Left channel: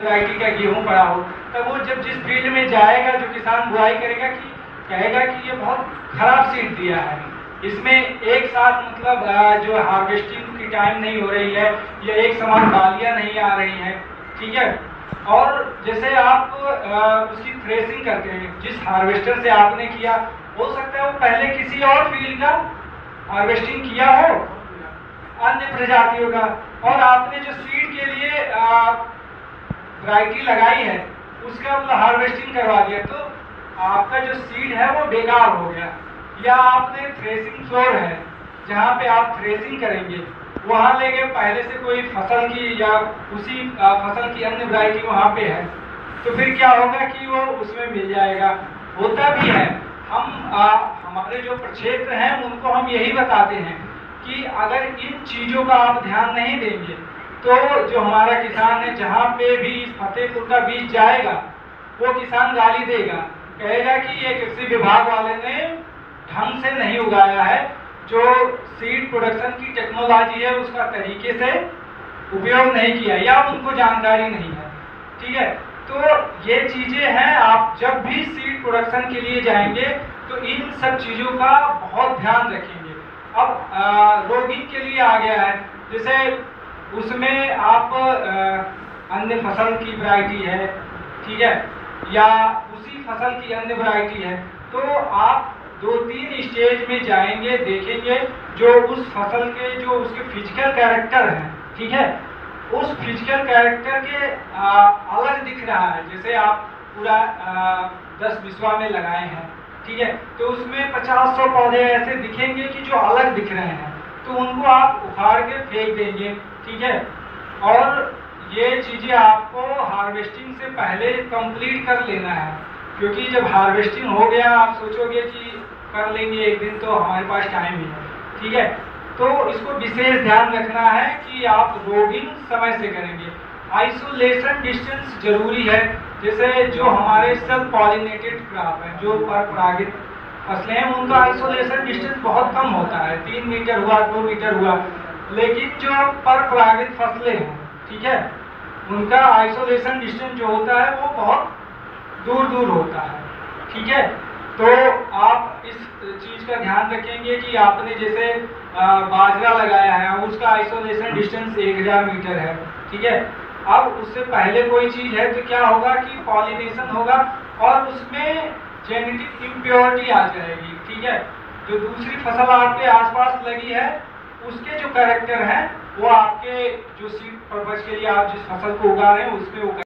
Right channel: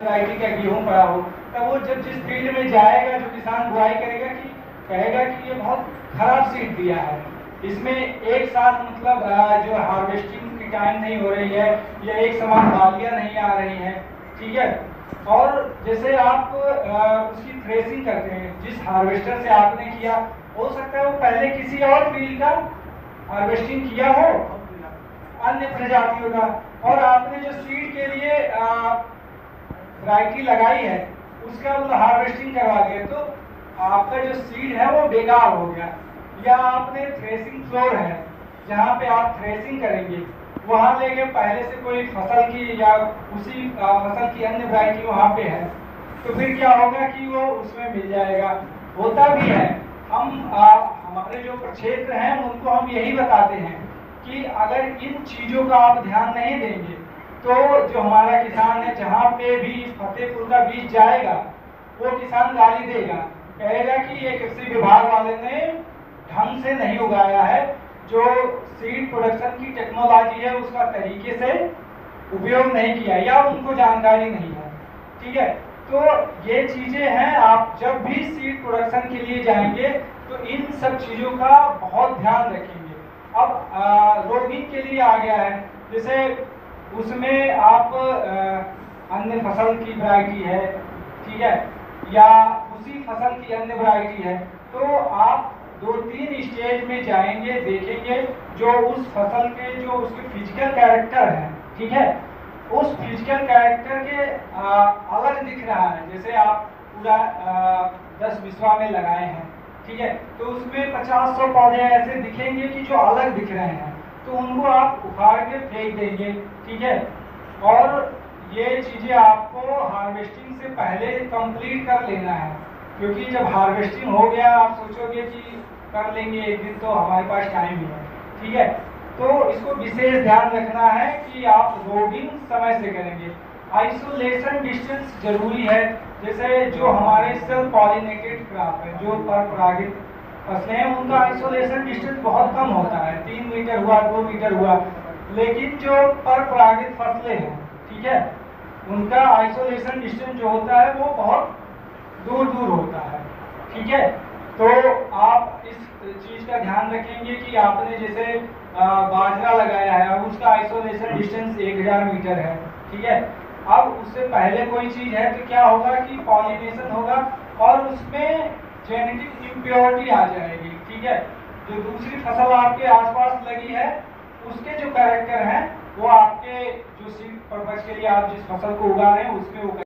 Variety का गेहूं पड़ा हो, तब वो जब जिस फील्ड में जाएगा, जो किसान बुआई करेगा कि कहेगा कि ये बहुत खराब सीड दिया है, इसमें एक साथ मतलब जो हार्वेस्टिंग की टाइम नहीं हो रही है, या एक समान डालियां नहीं आ रही हैं, ठीक है। और जैसे आप उसकी थ्रेसिंग करते हैं, जिस हार्वेस्टर से आपने किया, हो सकता है वो पहले किसी और फील्ड का हार्वेस्टिंग किया हो, अन्य प्रजातियों का, और आपने जो सीड के लिए वैरायटी लगाई है उसका मतलब हार्वेस्टिंग करवा दिया, तो आपका जो सीड है वो बेकार हो गया। या आपने थ्रेसिंग फ्लोर है जहाँ पे आप थ्रेसिंग करेंगे, वहाँ लेके पहले से कोई फसल की या उसी फसल की अन्य वैरायटी वहाँ पे है, तो फिर क्या होगा कि वो उसमें मिल जाएगा। होता भी है, हम हमारे जो प्रक्षेत्र हैं उनको हम यही बताते हैं कि अगर इन चीजों का आप ध्यान नहीं देंगे तो जो हमारा किसान है, जहाँ पे भी फतेहपुर का बीज जाएगा, वो किसान गाली देगा, कहेगा कि ये कृषि विभाग वाले ने ढंग से नहीं उगाया है, जो सीड प्रोडक्शन की टेक्नोलॉजी है उसका तरीके से उपयोग नहीं किया, या उनको जानकारी नहीं है, ठीक है। तो ये चीजें हैं, आप जब भी सीड प्रोडक्शन के लिए जाएंगे तो इन सब चीजों का बहुत ध्यान रखेंगे। अब रोगिंग के लिए आ गया है, जैसे उसमें आप अन्य फसल की वैरायटी है, ठीक है, या उसी फसल की अन्य वैरायटी है, तो आप 2-3 स्टेज में जाएंगे, देखेंगे जो उस फसल के जो उसके फिजिकल कैरेक्टर है, ठीक है, उस फिजिकल कैरेक्टर के अलग दिख रहा है। जैसे आप पूरा 10 बिस्वा में लगाए हैं, ठीक है, तो उसमें 50-100 पौधे ऐसे दिखेंगे कि जो अलग दिख रहे हैं, तो उनको आप उखाड़ के फेंक देंगे, ठीक है। और ये चीजें आपको हार्वेस्टिंग से पहले कंप्लीट कर लेना है, क्योंकि जब हार्वेस्टिंग हो गया आप सोचोगे कि कर लेंगे एक दिन, तो हमारे पास टाइम ही है, ठीक है। तो इसको विशेष ध्यान रखना है कि आप रोगिंग समय से करेंगे। आइसोलेशन डिस्टेंस जरूरी है, जैसे जो हमारे सेल्फ पॉलिनेटेड क्रॉप है, जो परपरागित फसलें हैं, उनका आइसोलेशन डिस्टेंस बहुत कम होता है, 3 मीटर हुआ, 2 मीटर हुआ, लेकिन जो परपरागित फसलें हैं, ठीक है, उनका आइसोलेशन डिस्टेंस जो होता है वो बहुत दूर दूर होता है, ठीक है। तो आप इस चीज का ध्यान रखेंगे कि आपने जैसे बाजरा लगाया है, अब उसका आइसोलेशन डिस्टेंस 1000 मीटर है, ठीक है। अब उससे पहले कोई चीज है तो क्या होगा कि पॉलिनेशन होगा और उसमें जेनेटिक इम्प्योरिटी आ जाएगी, ठीक है। जो दूसरी फसल आपके आसपास लगी है उसके जो कैरेक्टर हैं वो आपके जो सीड पर्पज के लिए आप जिस फसल को उगा रहे हैं उसमें वो